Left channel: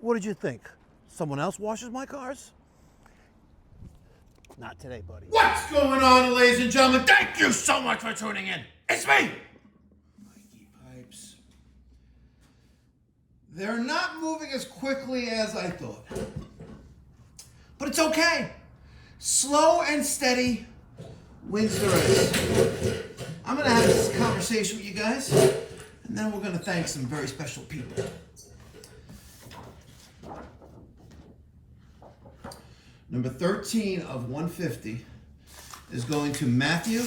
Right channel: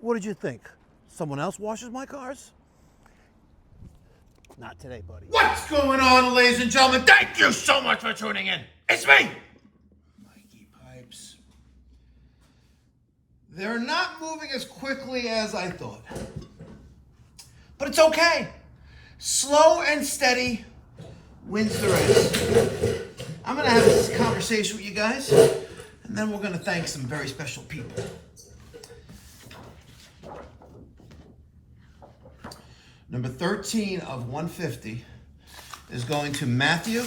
What did you think? Someone else washes my cars? Not today, buddy. What's going on, ladies and gentlemen? Thank you so much for tuning in. It's me, Mikey Pipes. They're not moving as quickly as I thought. But it's okay. Slow and steady wins the race. I'm going to have this conversation with you guys, and then we're going to thank some very special people. Number 13 of 150 is going to Matthew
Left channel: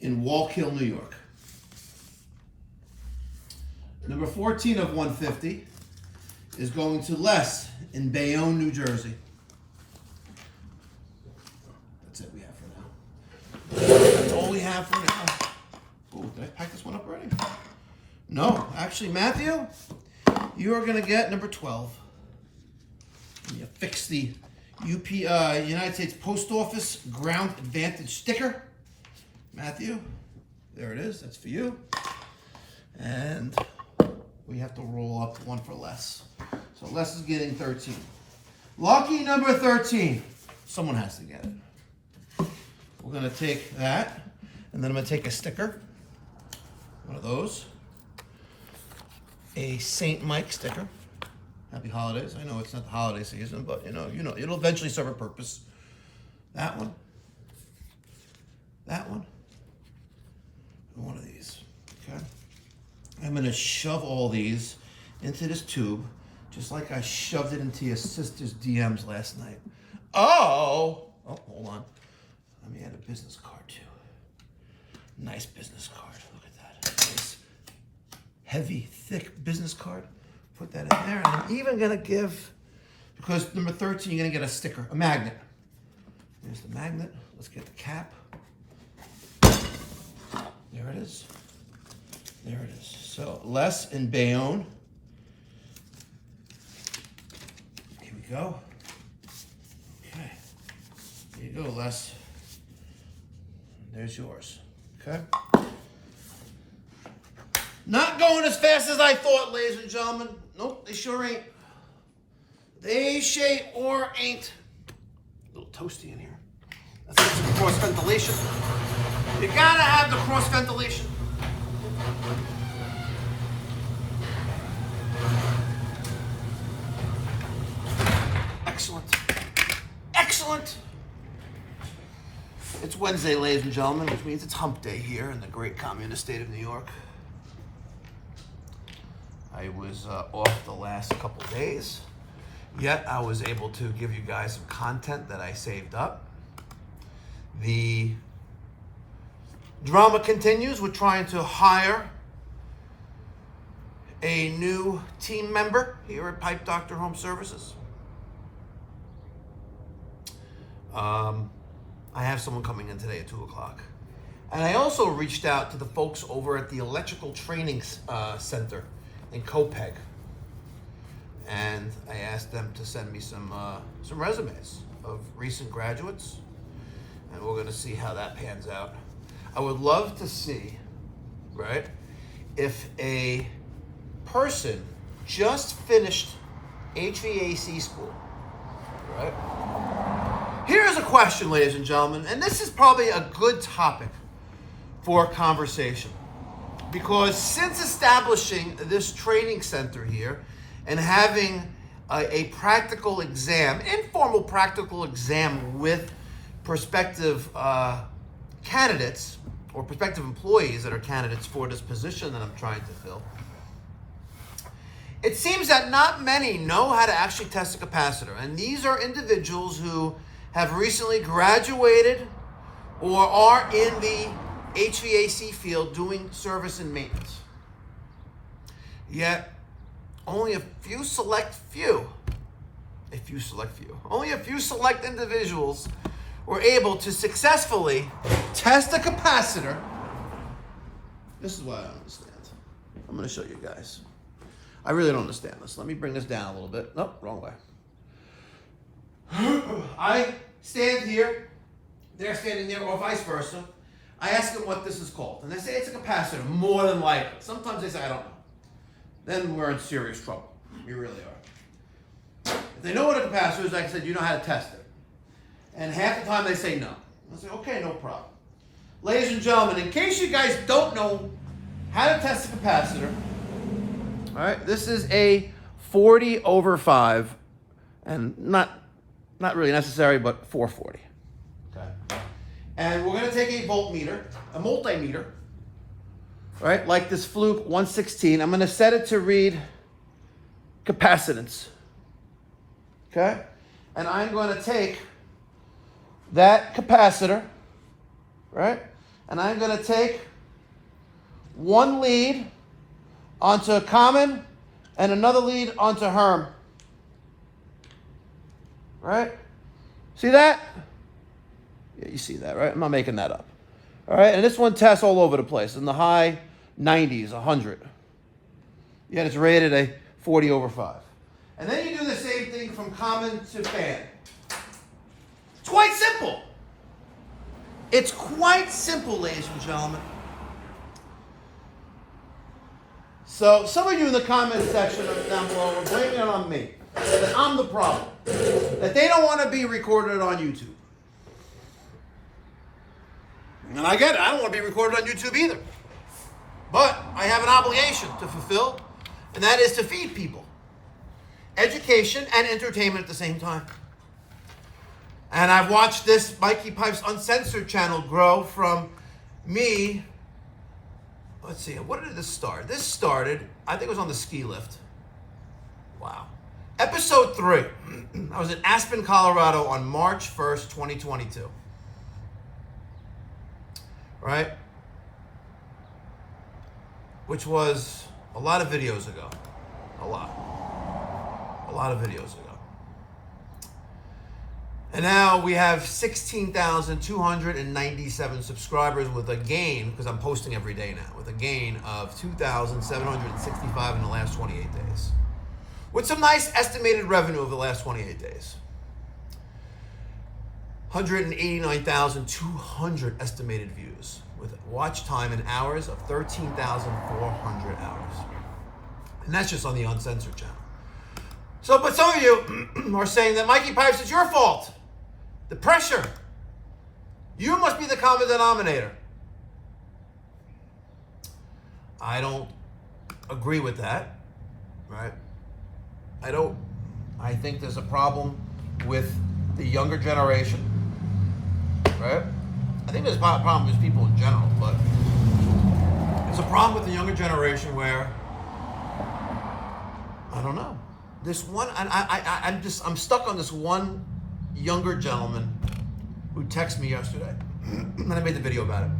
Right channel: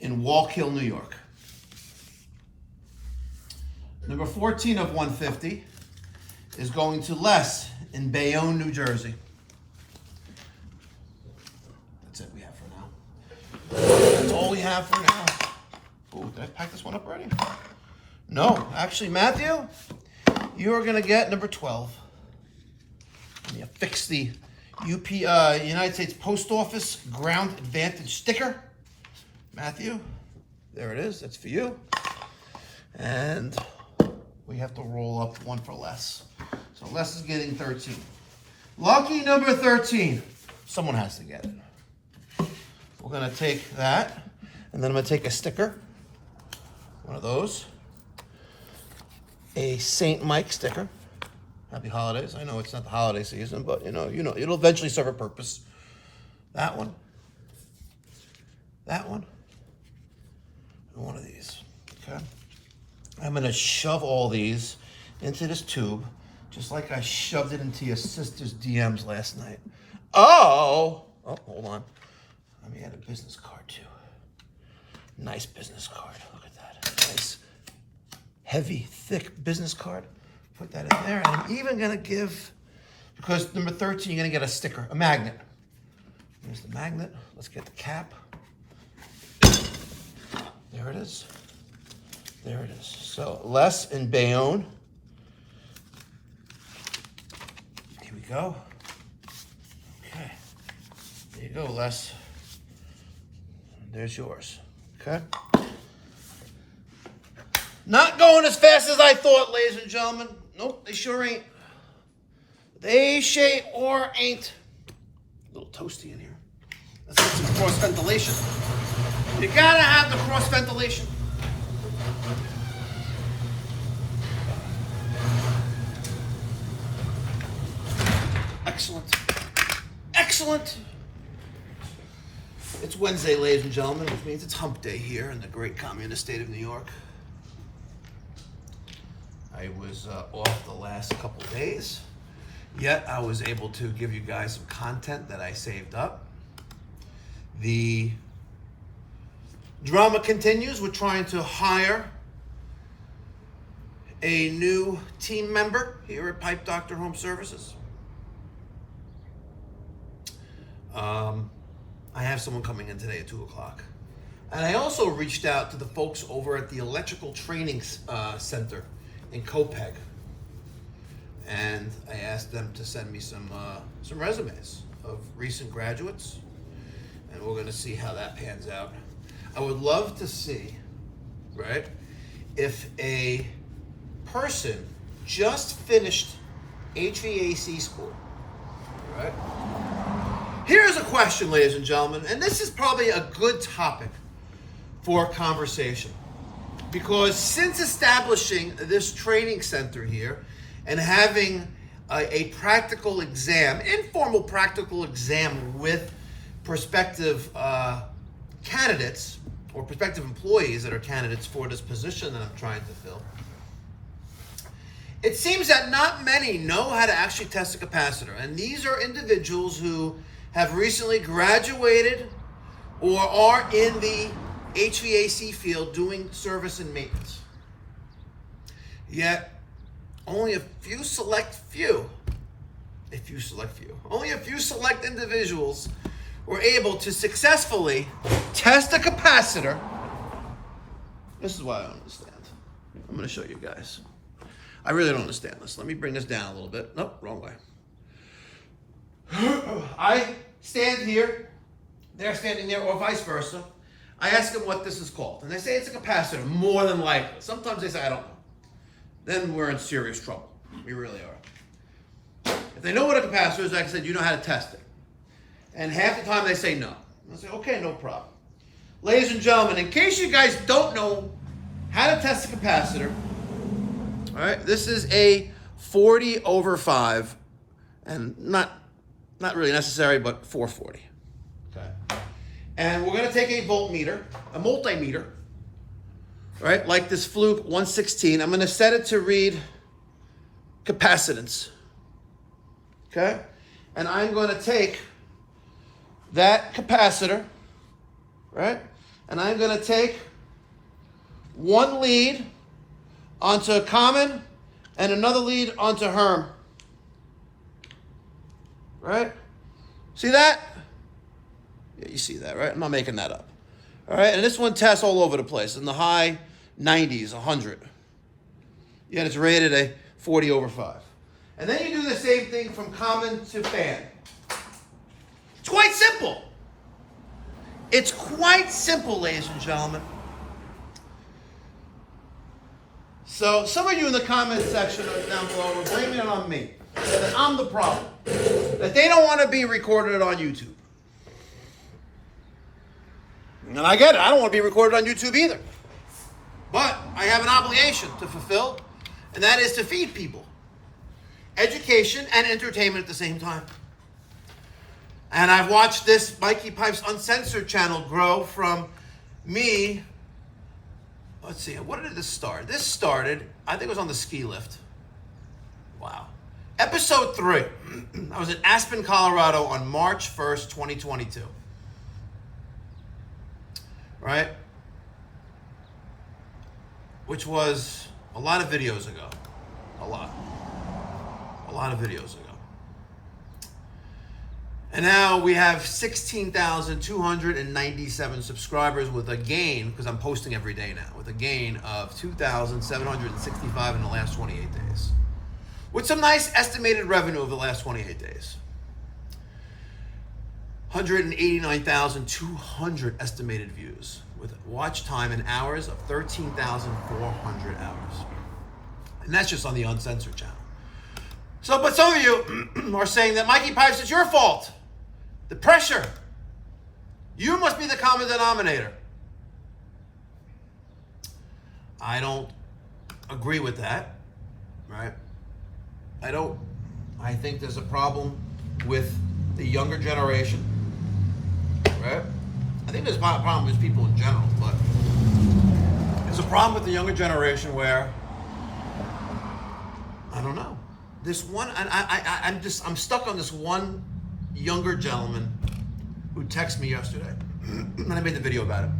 in Wallkill, New York. Number 14 of 150 is going to Les in Bayonne, New Jersey. That's it we have for now. That's all we have for now. Oh, did I pack this one up already? No, actually, Matthew, you are going to get number 12. You fix the United States Post Office Ground Advantage sticker. Matthew, there it is. That's for you. And we have to roll up one for Les. So Les is getting 13. Lucky number 13. Someone has to get it. We're going to take that, and then I'm going to take a sticker. One of those. A St. Mike sticker. Happy holidays. I know it's not the holiday season, but you know, it'll eventually serve a purpose. That one. That one. And one of these. Okay. I'm going to shove all these into this tube, just like I shoved it into your sister's DMs last night. Oh, hold on. Let me add a business card too. Nice business card. Look at that. Nice, heavy, thick business card. Put that in there, and I'm even gonna give, because number 13, you're gonna get a sticker, a magnet. Here's the magnet. Let's get the cap. There it is. There it is. So Les in Bayonne. Here we go. Okay. There you go, Les. There's yours. Okay. Not going as fast as I thought, ladies and gentlemen. Nope, they sure ain't. They sure ain't. A little toasty in here. Let's get some cross ventilation. You gotta have the cross ventilation. Excellent. Excellent. It's Wednesday, ladies and gentlemen, which means it's hump day here in the great communist state of New York. I was off the last couple days, yet I was able to give you guys some content that I saved up. The drama continues. We're trying to hire a new team member here at Pipe Doctor Home Services. I have someone coming in today at 2 o'clock. And I also reached out to the folks over at the Electrical Training Center in Copeg, and I asked them to send me some resumes of recent graduates, and we're going to see how that pans out. I would love to see, right, if a person just finished HVAC school, right? Here's a question, ladies and gentlemen, and this is probably a good topic for conversation. Because since establishing this training center here and having a practical exam, informal practical exam with prospective candidates or prospective employees that are candidates for this position that I'm trying to fill, it seems that not many know how to actually test a capacitor. And these are individuals who have recently graduated or are in the HVAC field doing service and maintenance. Yet, only a few select individuals were able to successfully test a capacitor. This is what I don't understand. I'm going to show you guys. I really don't understand this. Let me bring this down a little bit. Nope, wrong way. I stand here, they're standing there, or vice versa. I ask them what this is called, and they say it's a capacitor, more than likely. Sometimes they say, I don't know. Then we're in serious trouble. You really are. If they know what a capacitor is, like I said, you know how to test it. And half the time they say no. I say, okay, no problem. Ladies and gentlemen, in case you guys don't know how to test a capacitor, all right, this is a 40/5, and not really necessary, but 440. Okay. And we're going to take a voltmeter, a multimeter, right, like this Fluke 116. I'm going to set it to read capacitance. Okay? And I'm going to take that capacitor, right, and I'm going to take one lead onto a common and another lead onto HUMP. Right? See that? Yeah, you see that, right? I'm not making that up. All right, and this one tests all over the place in the high 90s, 100. Yet it's rated a 40/5. And then you do the same thing from common to fan. It's quite simple. It's quite simple, ladies and gentlemen. So some of you in the comment section down below are blaming it on me. That I'm the problem. That they don't want to be recorded on YouTube. And I get it. I don't want to be recorded on YouTube either. But I have an obligation to fulfill, and that is to feed people education and entertainment at the same time. And I've watched this Mikey Pipes Uncensored channel grow from me. Let's see, what did this start? This started, I think it was on the ski lift. Wow. Episode 3. I was in Aspen, Colorado on March 1st, 2022. Right? Which was a lot of videos ago. A lot of videos ago. And now we have 16,297 subscribers with a gain, because I'm posting every day now, with a gain of 2,765 in the last 28 days. With some nice estimated revenue over the last 28 days. 189,200 estimated views, with watch time in hours of 13,400 hours. And that's just on the Uncensored channel. So, but some of you are saying that Mikey Pipes, it's your fault. The pressure. You must be the common denominator. I don't agree with that, right? I think there's a problem with the younger generation, right? I think there's a problem with people in general, but it's a problem with the younger generation where, I don't know. This one, I'm stuck on this one younger gentleman who texted me yesterday, and I made the video about it,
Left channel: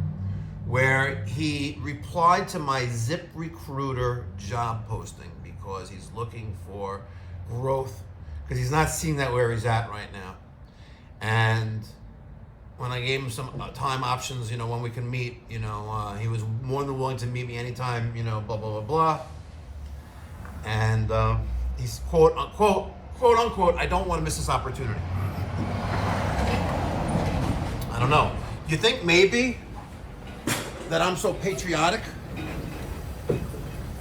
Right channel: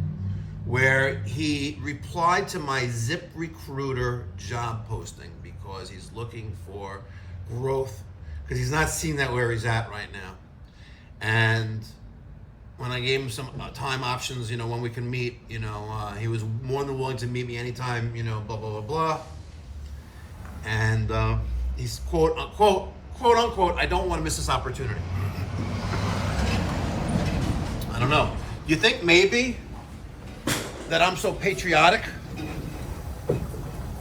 where he replied to my ZipRecruiter job posting because he's looking for growth, because he's not seeing that where he's at right now. And when I gave him some time options, you know, when we can meet, you know, he was more than willing to meet me anytime, you know, blah, blah, blah, blah. And he's quote unquote, I don't want to miss this opportunity. I don't know. You think maybe that I'm so patriotic?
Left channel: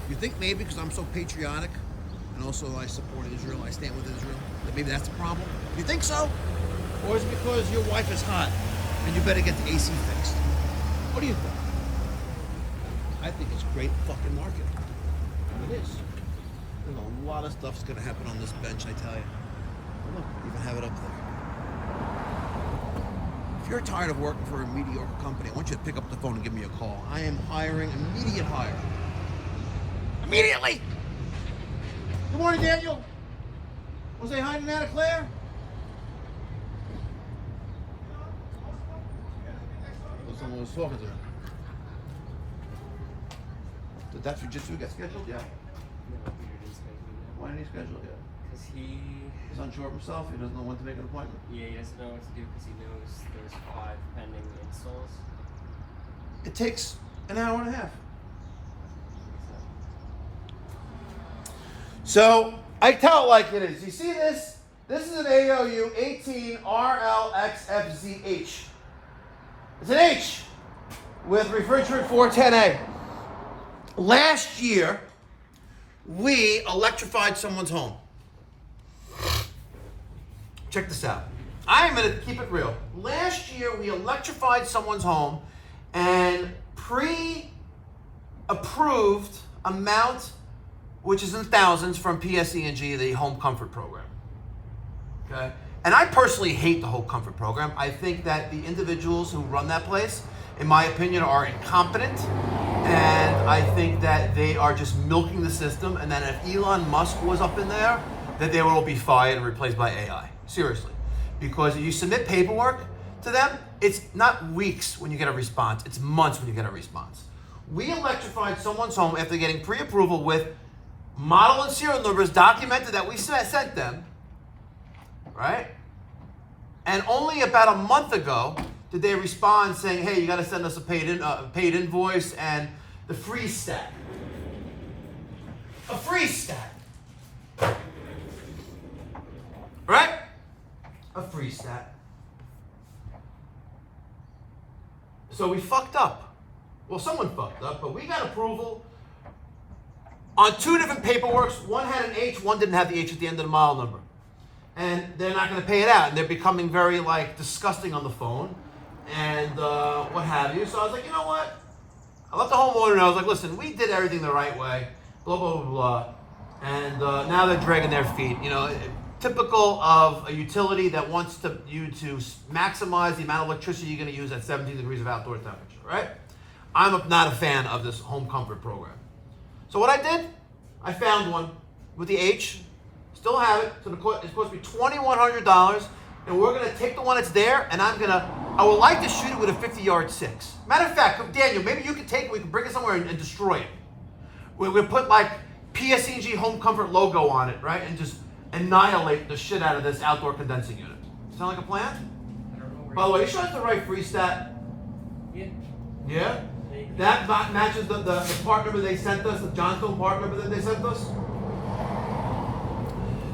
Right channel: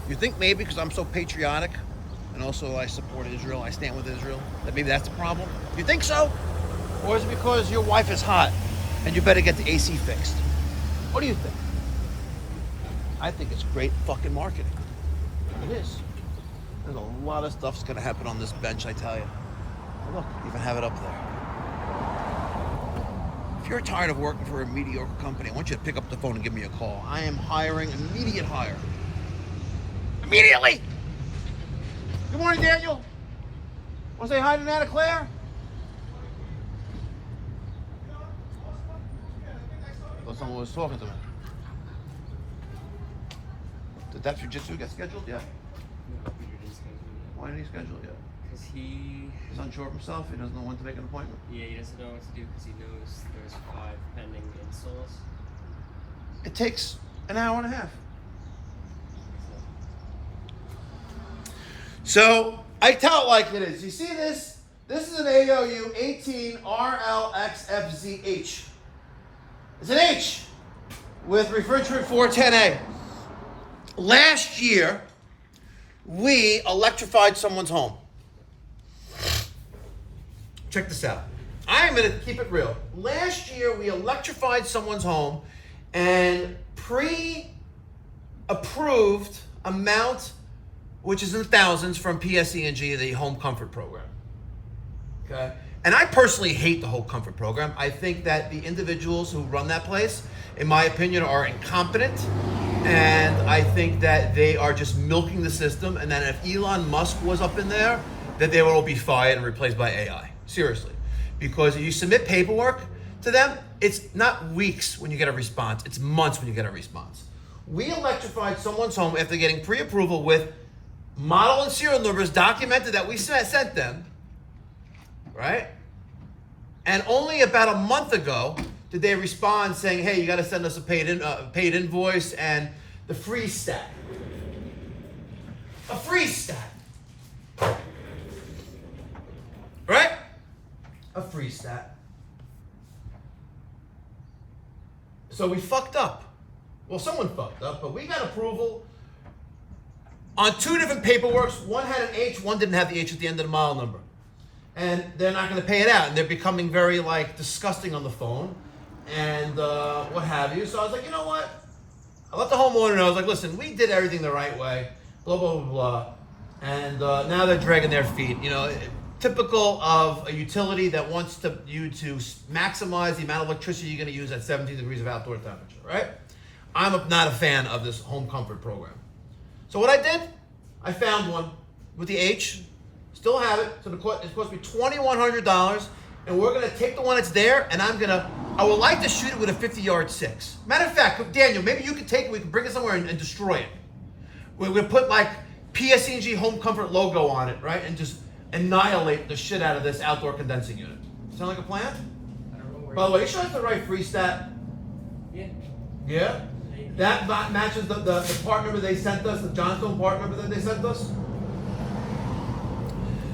You think maybe because I'm so patriotic and also I support Israel, I stand with Israel, that maybe that's the problem? You think so? Or is it because your wife is hot and you better get the AC fixed? What do you think? I think it's great fucking marketing. It is. There's a lot of stuff's gonna happen on this bench, I tell you. Oh, look, even have it up there. If you're tired of working for a mediocre company, I want you to pick up the phone and give me a call. I am hiring immediate hire. Immediately! Good morning, Daniel. Want to say hi to Nana Claire? Well, someone was talking to me. Did that jujitsu get scheduled? Yeah. Why didn't he schedule it yet? Because he's unsure of himself. He doesn't know when to make an appointment. Yeah, he doesn't know what to do because he knows there's 5 pending installs. It takes an hour and a half. So I tell it like it is. You see this? This is an AOU 18RLXFZH. It's an H with refrigerant 410A. Last year, we electrified someone's home. Check this out. I am going to keep it real. Last year, we electrified someone's home and pre-approved amount, which is in the thousands, from PSEG, the Home Comfort Program. Okay? And I personally hate the whole comfort program. I think that the individuals who run that place, in my opinion, are incompetent. And I think that they are just milking the system. And that if Elon Musk was up in there, that they would all be fired and replaced by AI. Seriously. Because if you submit paperwork to them, it's not weeks when you get a response. It's months when you get a response. We electrified someone's home after getting pre-approval with model and serial numbers documented that we sent them. Right? And only about a month ago did they respond saying, hey, you got to send us a paid invoice and the free stat. A free stat. Right? A free stat. So we fucked up. Well, someone fucked up, but we got approval on 2 different paperworks. One had an H, one didn't have the H at the end of the model number. And they're not going to pay it out. And they're becoming very, disgusting on the phone and what have you. So I was like, you know what? I let the homeowner know. I was like, listen, we did everything the right way, blah, blah, blah, blah. And now they're dragging their feet. You know, typical of a utility that wants you to maximize the amount of electricity you're going to use at 17 degrees of outdoor temperature, right? I'm not a fan of this home comfort program. So what I did, I found one with the H. Still have it, so it cost me $2,100, and we're gonna take the one that's there, and I would like to shoot it with a 50-yard 6. Matter of fact, Daniel, maybe you can take it, we can bring it somewhere and destroy it. We put PSEG Home Comfort logo on it, right, and just annihilate the shit out of this outdoor condensing unit. Sound like a plan? I don't know where. By the way, show us the right free stat. Yeah. Yeah? That matches the part number they sent us, the Johnstone part number that they sent us.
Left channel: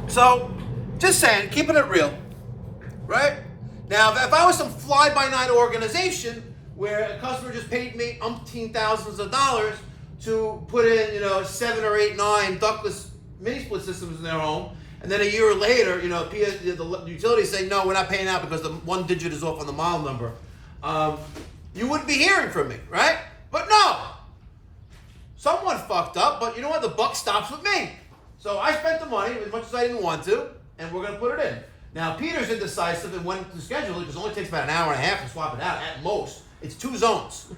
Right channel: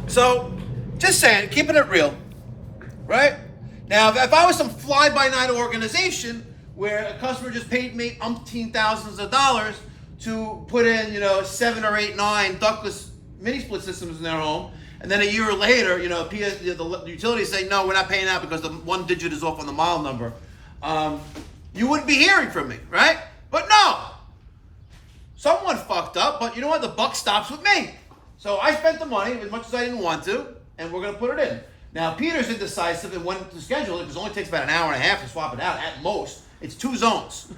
So, just saying, keeping it real, right? Now, if I was some fly-by-night organization where a customer just paid me umpteen thousands of dollars to put in, 7 or 8, 9 ductless mini-split systems in their home, and then a year later, the utilities say, no, we're not paying out because the one digit is off on the model number, you wouldn't be hearing from me, right? But no! Someone fucked up, but you know what? The buck stops with me. So I spent the money as much as I didn't want to, and we're going to put it in. Now, Peter's indecisive and went to schedule it because it only takes about an hour and a half to swap it out at most. It's 2 zones.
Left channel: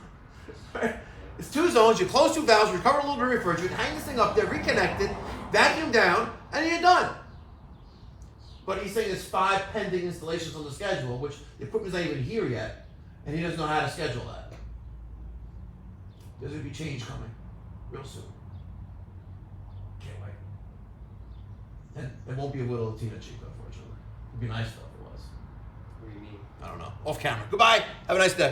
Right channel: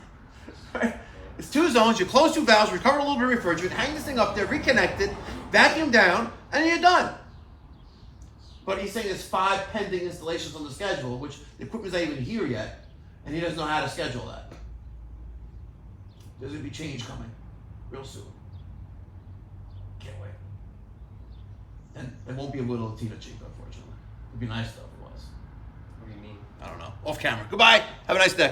It's 2 zones. You close 2 valves, recover a little bit of refrigerant, hang this thing up there, reconnect it, vacuum down, and you're done. But he's saying there's 5 pending installations on the schedule, which the equipment's not even here yet, and he doesn't know how to schedule that. There's going to be change coming real soon. And it won't be a little Latino cheap, unfortunately. It'd be nice though if it was. What do you mean? I don't know. Off camera. Goodbye. Have a nice day.